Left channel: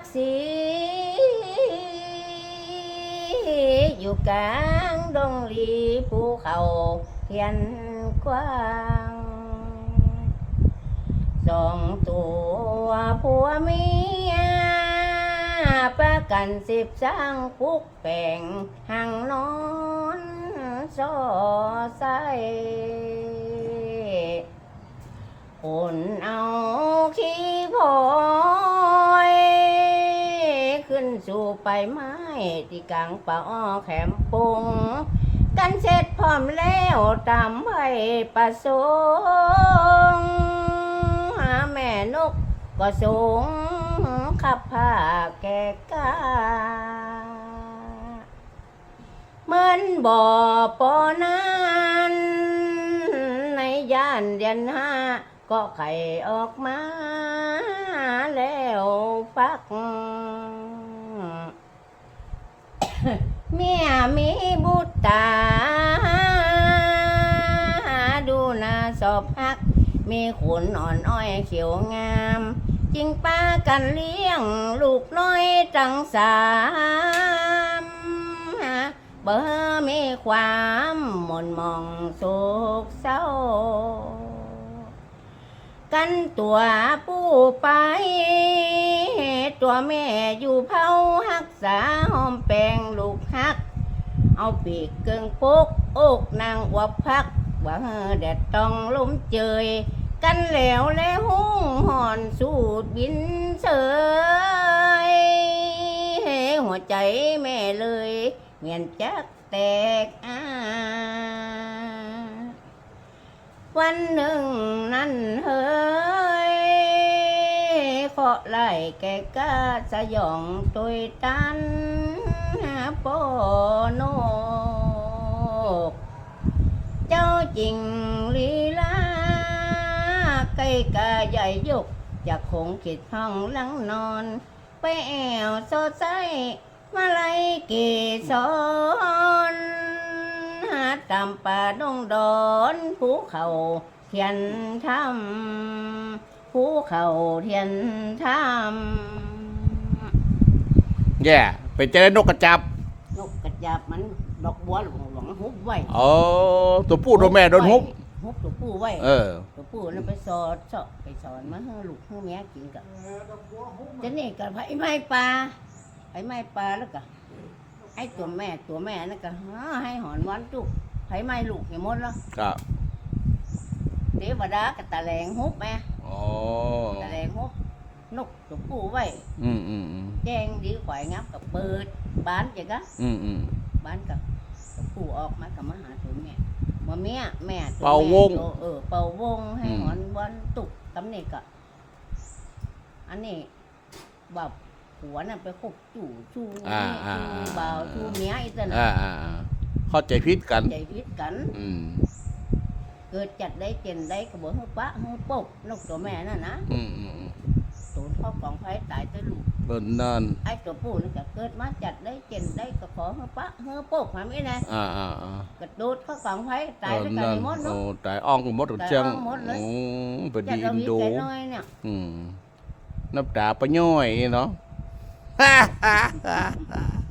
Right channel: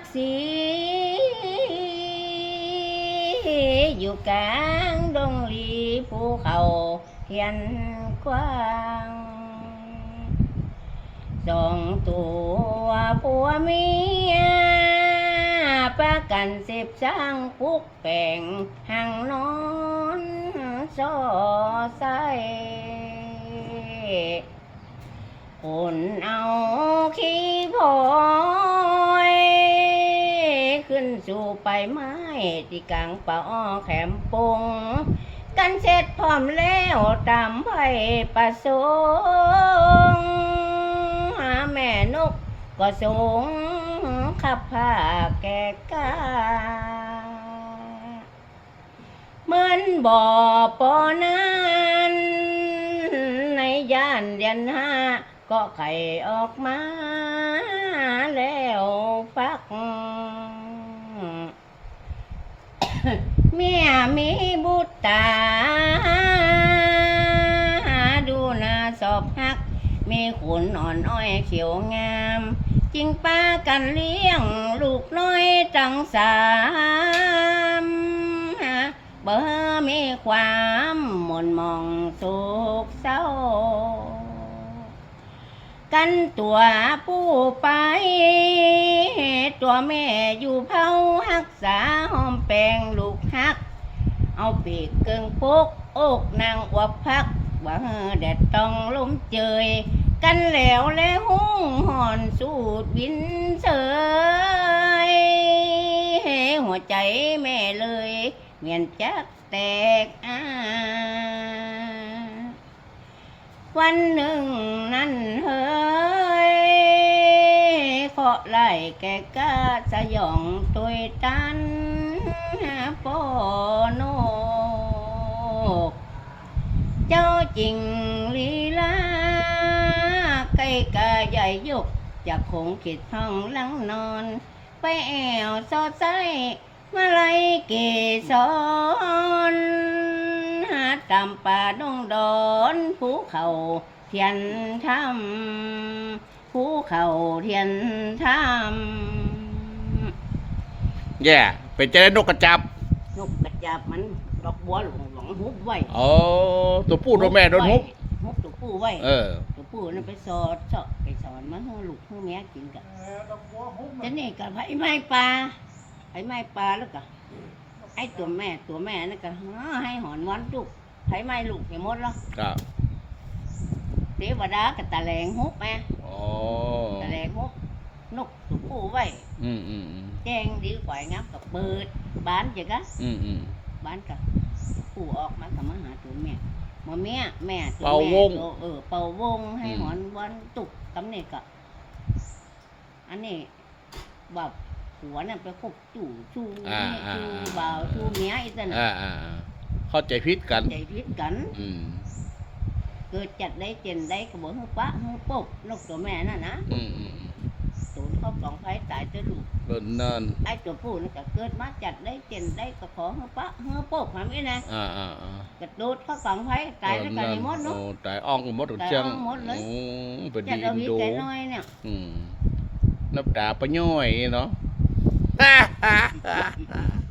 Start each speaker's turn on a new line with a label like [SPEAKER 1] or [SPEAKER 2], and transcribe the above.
[SPEAKER 1] สีอยู่กลางดงลีภูเขาเทียนกว้างสองตัวผัวเมียประกันสิบสร้างปุกแป่งหังนอนซอใสคนเอาขี้พลอยขึ้นสู่ไปไม้ที่กลางป่าอ้อแขมปุงกันเสร็จพร้อมแล้วตามไว้ประสงค์หาแม่นกก็สูงขับผ้าแก่กาเหมือนบ่อปอนั้นในย่านเดือนห้าก็ไข่ออกมาแล้วฟัก เมียมีบุตรตาดูน่าสอบฮักมีขนอ่อนอ้อยเขียวงามจริงป้ากันเลี้ยงลูกน้อยจังสามเบอมีความหม่นมองโศกเศร้ากันตัวผู้ไปตัวแม่อยู่เผาหักษาหอมแปงลูกฮักเอาปีกเกิงพกอกนางอวบพักว่าแดดต้องล้มเจยกันแล้วและหุ้งห่อนสูดบินเสยหัวใจแม่เลยเมียนจักแตกวันหนึ่งนั้นเฮ้ยเคาะไล่แกกาสยองตุยตันโปโนกเจ้าจริงลีลาไก่กาใหญ่ยกจากคงขิดห้องหลังนอนไปแอวซอไซมาไลเกสรหาตามป่าดงดอนภูเขาเทียนธรรมภูเขาเทียนธรรม
[SPEAKER 2] แย่ไปเจอนกกระจับ
[SPEAKER 1] นกกระจับมันดอกบัวหลวงฮุบไว้
[SPEAKER 2] ตัวผู้ตัวแม่โดนฮุบ
[SPEAKER 1] ตัวผู้ไว้ตัวผู้นั่นไปสอนมาให้ลูกให้แม่กินกันจะนี่กับไผ่ไม้ปลาแล้วก็ไอ้ตัวแม่นั่นก็ให้หอนวันลูกไผ่ไม้ลูกอย่างหมดแล้วเดี๋ยวดากับตะแลงฮุบแม่ตะแลงฮุบนกตัวผู้ไว้แจ้งดีกว่างับกับเปิดบ้านจ้ะกะบ้านกับตัวผู้ออกมากับมาหาตัวแม่มาแม่ตัวแม่เป่าวงให้หอนวันตุกตำเนกะอันนี้แบบหัวน่ะไปคบชูบ่าวชูเมียอีกแล้ว
[SPEAKER 2] เข้าใจผิดกัน
[SPEAKER 1] เกิดจัดได้เจนได้กระบอกเฮือปะเฮือปกนกตัวแม่น่ะนะศูนย์เขากองไฟตายตัวลูก
[SPEAKER 2] นั่น
[SPEAKER 1] ไอ้ตัวผู้นี่ก็เกิดมาจัดได้เจนได้กระขอเฮือปะเฮือปกหาไม่นะกระโดดเขากองไฟตายแล้วกันหมดเนาะ
[SPEAKER 2] ตายอ่องหมดจังเป็นดีอินโดนับดาปะย่อยเนาะ